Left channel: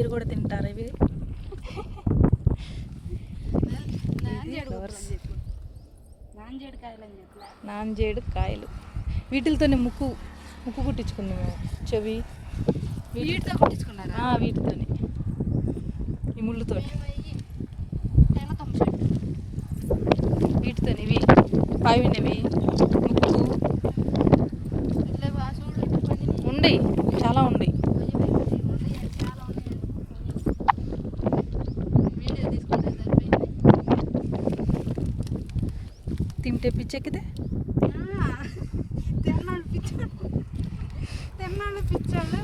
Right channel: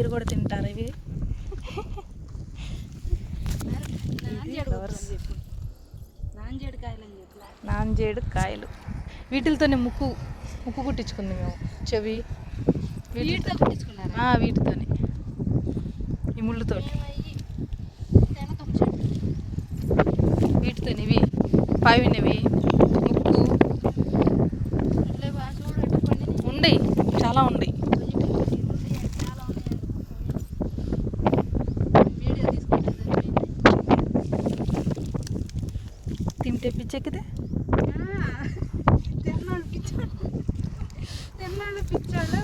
మీరు కూడా తింటారు ఇవి. నాంజేడు కాయలు వీటితోనే ముక్కు ముక్కు కుట్టించుకుంది మేము. చెవి వీటితో. వీటితోనే. ఈ చెట్టు వీటితోని ఇవి. పావినవి ముక్కు. ఉండయి. చాలా ఉండయి. తింటే పిచ్చెక్కితే ఆ, తిన్నాడు పిచ్చోడు తిన్నాడు పిచ్చోడు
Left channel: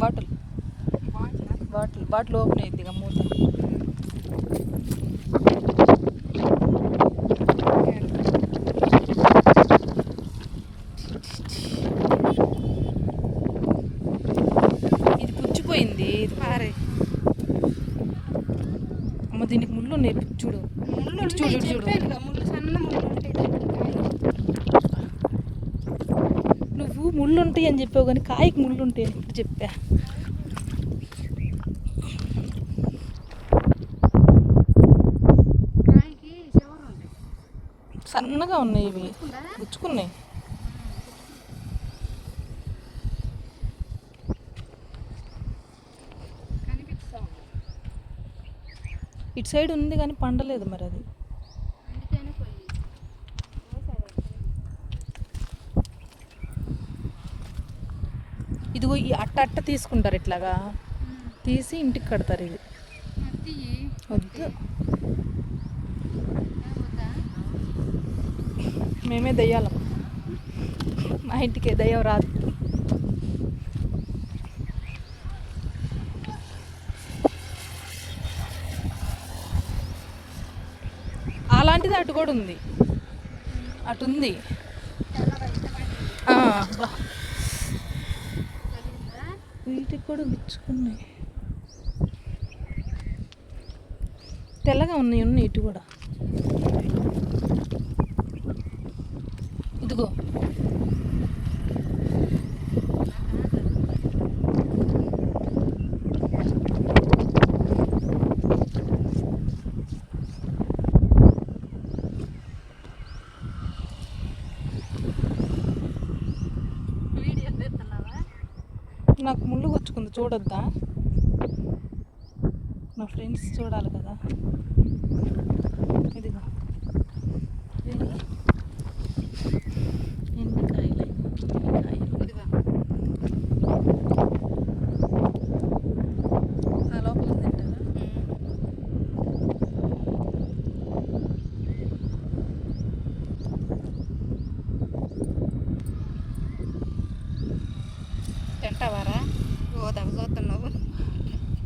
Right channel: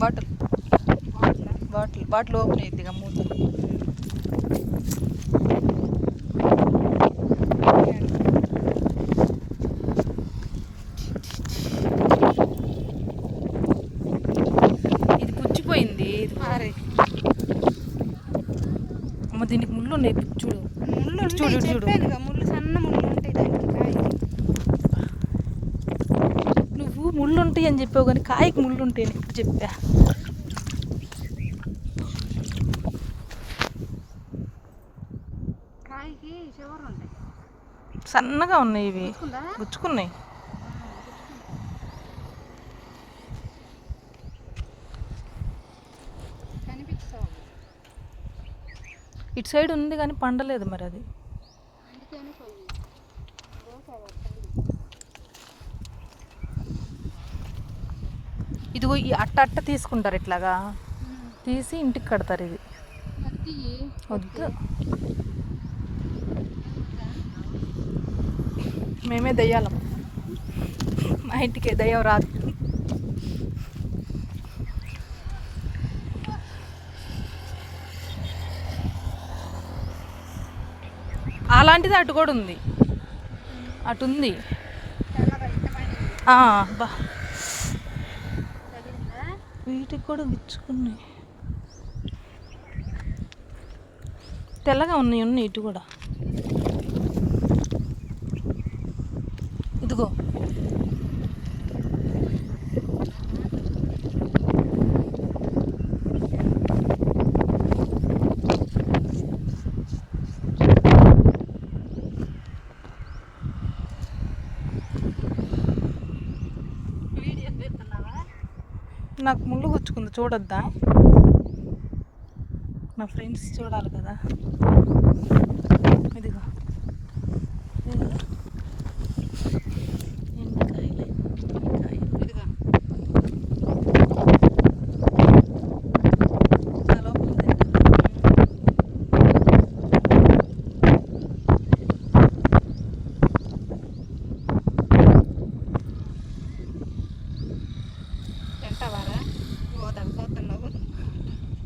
బాటిల్ బాటిల్ బాటిల్ ఓపెన్ అయ్యింది ఇక మూత అరే అమ్మ దీనికి ముళ్ళు ఉన్నాయి. చూడు. చూడు, చూడు. ముళ్ళు సన్న ముళ్ళు. నువ్వు ముళ్ళు ఉంటాయి అని చెప్పావు కానీ కాయకి ముళ్ళు ఉంటాయి ఇప్పుడు ఉంటాయి సన్నగా ఉన్నాయి ఇవి. గుచ్చుకున్నాయి కనిపిస్తా ఉంది ఇటు సైడ్ ఉంది కానీ పండలేదు మరి అది. ఇదిగో ఈ అట్ట అట్ట తీసుకుంటారు ఇట్లాగా. తీసి ఇంటికి కడతారు ఇది. వద్దు. మేమే దయ్యాలం. మా ఇంటికి దయ్యం రాదు. అలాంటిది అటు కూడా ఉంది. అటు ఉంది. వీటికి కూడా గుచ్చుకున్నాయి తెల్లగా ఉన్నాయి ఉన్నాయి ఇటు కూడా. ఇదిగో. నాకు ముళ్ళు గుచ్చుకుంది చూడొద్దా? నా ఫ్రెండ్స్ చూడాలి కదా. ఇదిగో.